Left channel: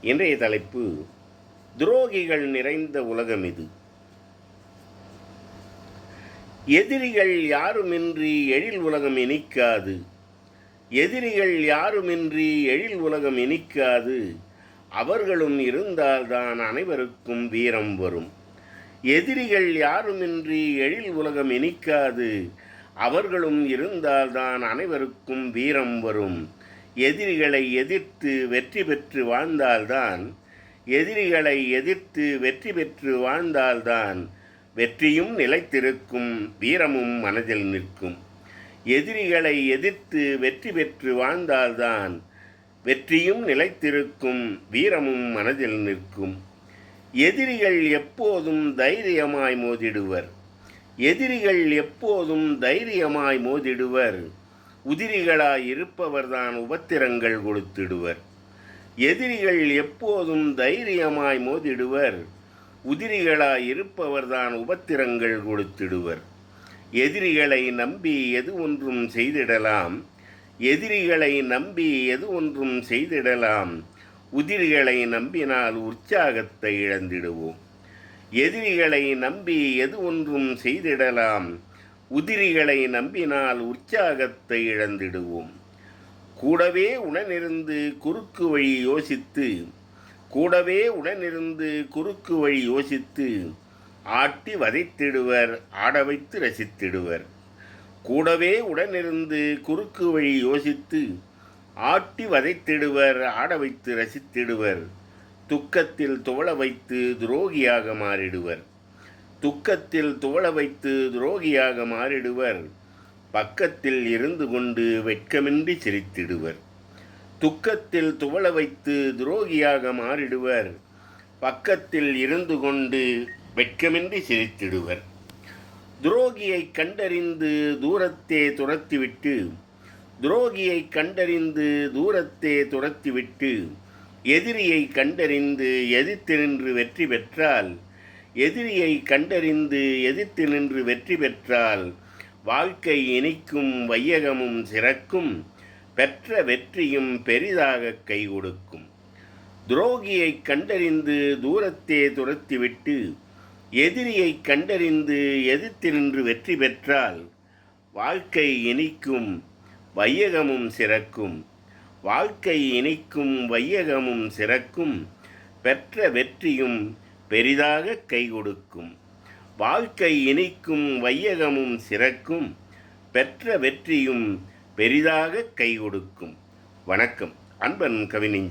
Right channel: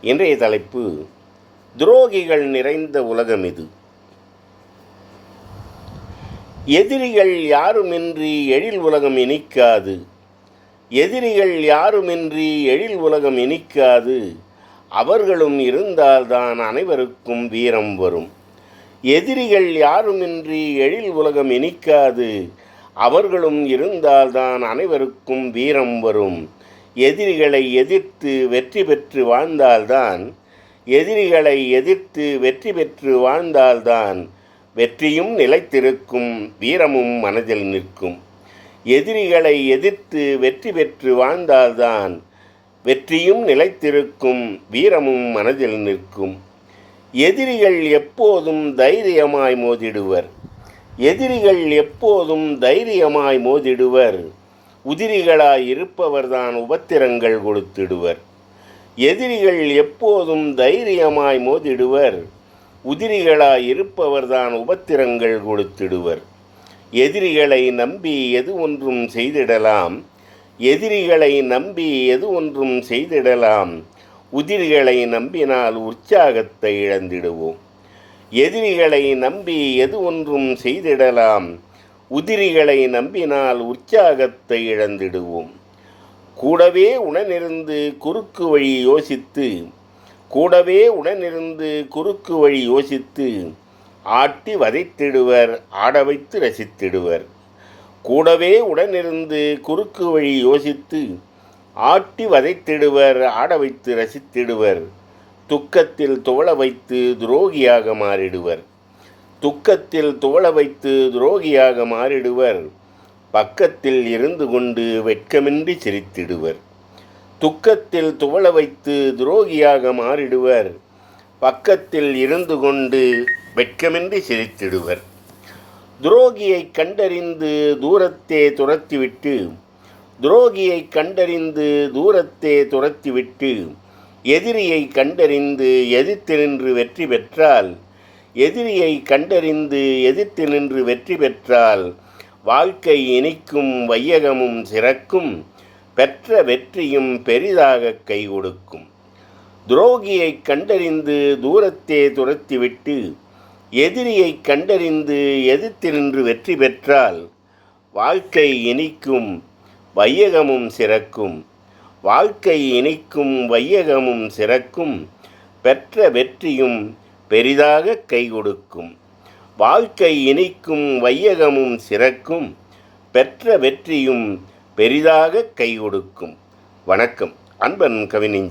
இன்றைய தலைப்பு துரோகிகள் நிறைந்த உலகம் இது எதிரிகள் யாருமின்றி எழில் உலகம் இனிக்காது. எதிரிகள் யாருமின்றி எழில் உலகம் இனிக்காது. அவர்களும் இருந்தால்தான் அனைவருக்கும் வீரம் வரும். எதிரிகள் யாருமின்றி எழில் உலகம் இனிக்காது. அவர்களும் இருந்தால்தான் அனைவருக்கும் வீரம் வரும். எதிரிகளை எதிர்த்து வெற்றி பெற்று வாழ்ந்தால்தான் எதிரிகளை எதிர்த்து வெற்றி பெற்று வாழ்ந்தால்தான் வெற்றியும் நிலைத்திருக்கும் வீரமும் மனதில் நிற்கும். எதிரிகளை எதிர்த்து வெற்றி பெற்று வாழ்ந்தால்தான் வெற்றியும் நிலைத்திருக்கும் வீரமும் மனதில் நிற்கும். எதிரிகள் எப்போதும் தைரியமாய் மோதிடுவர். எதிரிகள் எப்போதும் தைரியமாய் மோதிடுவர். உதிரிகளாய் இருப்பவர்தான் உபத்திரங்கள் கொடுத்திடுவர். எதிரிகள் எப்போதும் தைரியமாய் மோதிடுவர். உதிரிகளாய் இருப்பவர்தான் உபத்திரங்கள் கொடுத்திடுவர். எதிரிகளை நம்பி எது ஒன்றும் செய்திடலாம். எதிரிகளை நம்பி எது ஒன்றும் செய்திடலாம். உதிரிகளை நம்பினால் உற்சாகத்தை இழந்திடுவோம். எதிரிகளை நம்பி எது ஒன்றும் செய்திடலாம். உதிரிகளை நம்பினால் உற்சாகத்தை இழந்திடுவோம். கூடவே உடனிருந்து குறுக்கு வழி யோசித்து கூடவே உடனிருந்து குறுக்கு வழி யோசித்து ஆட்டி வதைத்திடுவர் ஆட வைத்து ரசித்திடுவர். கூடவே உடனிருந்து குறுக்கு வழி யோசித்து ஆட்டி வதைத்திடுவர் ஆட வைத்து ரசித்திடுவர். துக்கத்தில் துவள வைத்து துரோகியாக மாறிடுவர். துக்கத்தில் துவள வைத்து துரோகியாக மாறிடுவர். பக்கத்தில் இருந்து கொண்டு வெட்கமின்றி சிரித்திடுவர். துக்கத்தில் துவள வைத்து துரோகியாக மாறிடுவர். பக்கத்தில் இருந்து கொண்டு வெட்கமின்றி சிரித்திடுவர். துரோகியை கண்டறிந்து தூரத்தே துரத்திவிட்டு துரோகியை கண்டறிந்து தூரத்தே துரத்திவிட்டு எதிரியை கண்டறிந்து எதிர்த்தெறின்று வெற்றி பெற்றால் எதிரியை கண்டறிந்து எதிர்த்து நின்று வெற்றி பெற்றால் வாழ்க்கை இனிக்கும் வையகமும் சிறக்கும் பெற்ற வெற்றியும் பெரிதாக கை கொடுக்கும் துரோகியை கண்டறிந்து தூரத்தே துரத்திவிட்டு எதிரியை கண்டறிந்து எதிர்த்து நின்று வெற்றி பெற்றால் வாழ்க்கை இனிக்கும் வையகமும் சிறக்கும். வாழ்க்கை இனிக்கும் வையகமும் சிறக்கும் பெற்ற வெற்றியும் பெரிதாக கை கொடுக்கும். வாழ்க்கை இனிக்கும் வையகமும் சிறக்கும். பெற்ற வெற்றியும் பெரிதாக கை கொடுக்கும். வணக்கம். அன்பன் கவிஞன்